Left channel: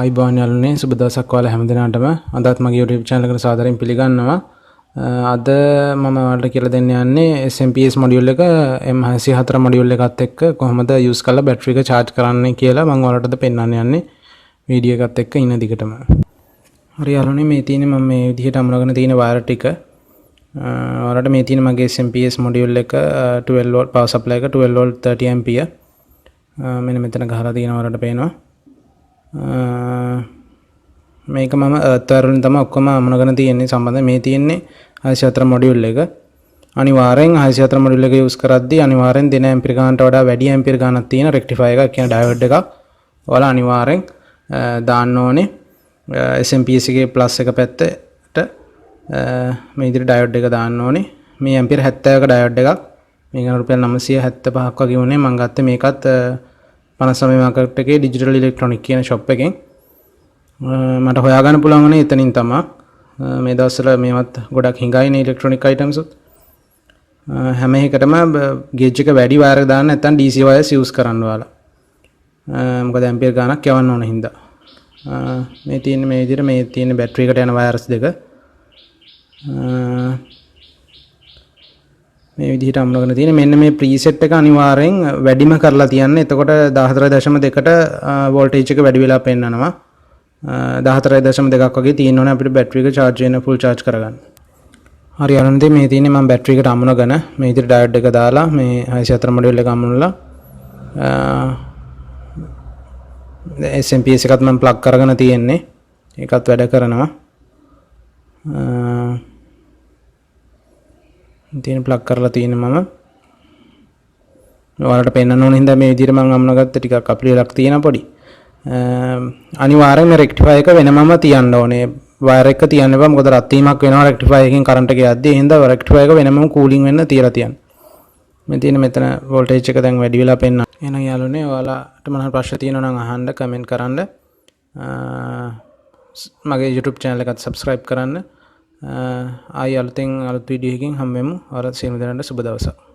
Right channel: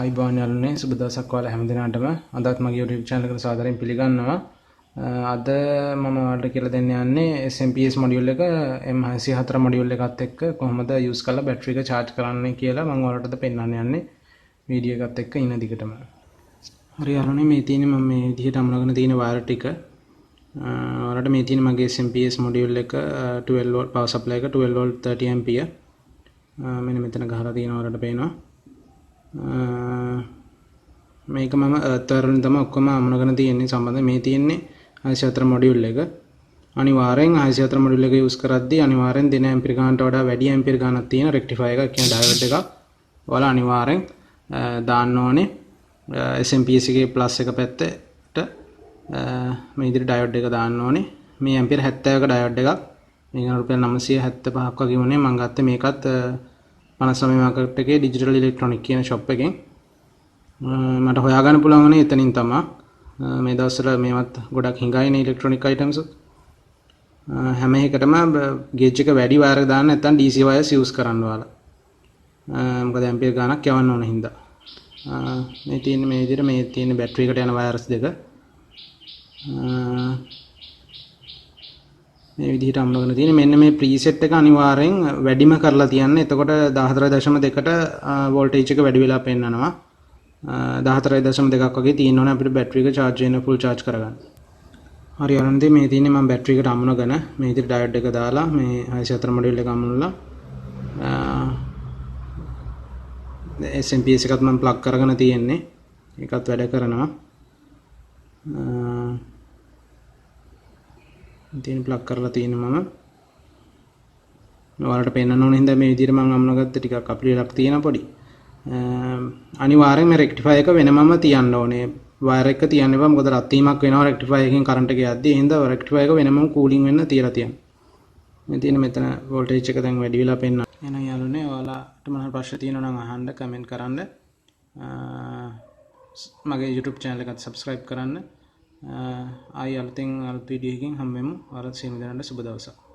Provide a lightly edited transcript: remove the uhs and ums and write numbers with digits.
ආයිබෝන් යාළුවනේ සුබ දවසක් ඔයාලා හැමදෙනාටම අදත් මගේ YouTube channel එකට සාදරයෙන් පිළිගන්නවා. අද මම ඔයාලට කියලා දෙන්න යන්නේ SMPS module එක M604 module එකත් එක්ක කොහොමද use කරලා battery එක charge කරන්නේ කියලා මම ඔයාලටද පෙන්වන්න යන්නේ වීඩියෝ එකත් එක්ක ඉන්න දිගටම. හරි යාළුවනේ මේ තියෙන්නේ මම මේ විදිහට අමුණගෙන තියෙන wire ටික. ඔයාලට මේ තියෙන මගේ SMPS module එක 12 volt power supply එක 12 volt 30 ampere. මෙන්න මෙතන ගහලා තියෙනවා ඔයාලට පේනවා. මේක මම අතරින් තමයි ඔක්කොම අමුණගෙන තියෙන්නේ සම්බන්ධ මේ තියෙන්නේ 604 මොඩියුල් එක. අනිවාර්යෙන් 604 මොඩියුල් එක යූස් කරද්දී අනිවාර්යෙන් දෙන ඇම්පියර් ගානට වඩා වැඩි ඇම්පියර් ගානක් තියෙන රෙක්ටිෆයර් එකක් කියන ඩයෝඩ් එකක් ඔයාලා අනිවාර්යෙන් දාන්න ඕනේ. SMPS එකේ ප්ලස් එක පැත්තට මේ විදිහට ඩයෝඩ් එක දාන්න ඕනේ. මේ ඇම්පියර් 70ක ඩයෝඩ් එකක්. මේක රුපියල් 975ක් වගේ වුණේ මම ගත්තේ මේකත් 59 මාකට් එකේ ඩිජිටල් ඉලෙක්ට්‍රොනික කියන ෂොප් එකෙන් මට හොයාගන්න පුළුවන් වුණේ එතනින් තමයි. මේ දවස්වල මේවත් ගොඩක් හිඟයිනේ ඉලෙක්ට්‍රොනික අයිටම්ස්. හැම එකටම ගේජ් එක වැඩි වයර් එක දාන්න නැත්නම් DC වයර්ස් යූස් කරන්න ඕලා. මොකද ඇම්පියර් ගානක් යවන්න ඕන හින්දා. මේ තියෙන මේ විදිහට මේ තියෙන බැටරි එකට යන වයර්ස් දෙක මේ විදිහට අමුණගෙන තියෙන මෙන්න මේ ප්‍රීසෙට් එක අනිවාර්යෙන් වැඩිම කරලා තියන්න. එතකොට 14.2ට වෝල්ටේජ් එක වැඩි වෙලා පෙන්නනවා. 14.2ක් වගේ තියෙන්න ඕනේ අපිට බැටරි එක charge වෙන full charge කරගන්න. හරි අනන්තේ මේ තියෙන්නේ මම බැටරි එකට අමුණගෙන මේ විදිහට ඩයෝඩ් එක දාලා මේ 604 මොඩියුල් එක අමුණලා SMPS එකත් මම ප්ලග් කරගෙන තියෙන්නේ. ඒකත් වැඩ කරනවා. තියෙන ප්ලග් කරලා තියෙන මම ඔයාලට පෙන්වන්න ඕන හින්දා මේ විදිහට මම අමුණගත්ත ටිකක් අපිරියලක් තියෙන පොඩි අනිවාර්යෙන්ම රෙක්ටිෆයර් එක වෙනමම තියන්න ඕනේ වයර් එක තියන්න එපා මොකද රත් වීමක් වෙනවා රෙක්ටිෆයර් එකෙන් කරන්ට් එක යද්දී ඒ හින්දා රෙක්ටිෆයර් එක වෙනමම කූලින් වෙන්න තියලා තියන්න මේ තියෙන මෙතන වෝල්ටේජ් එක දැන් වැඩි වෙලා පෙන්නන එහෙනම් යාළුවනේ ඔයාලට මොනවා ප්‍රශ්න තියෙනවා නම් අහන්න කමෙන්ට් කරන්න මගේ YouTube channel එකත් subscribe කරන්න ආයි අලුතෙන් අලුත් වීඩියෝ එකකින් හම්බෙමු. ඔයාලට සියලු දෙනාට සුබ දවසක්.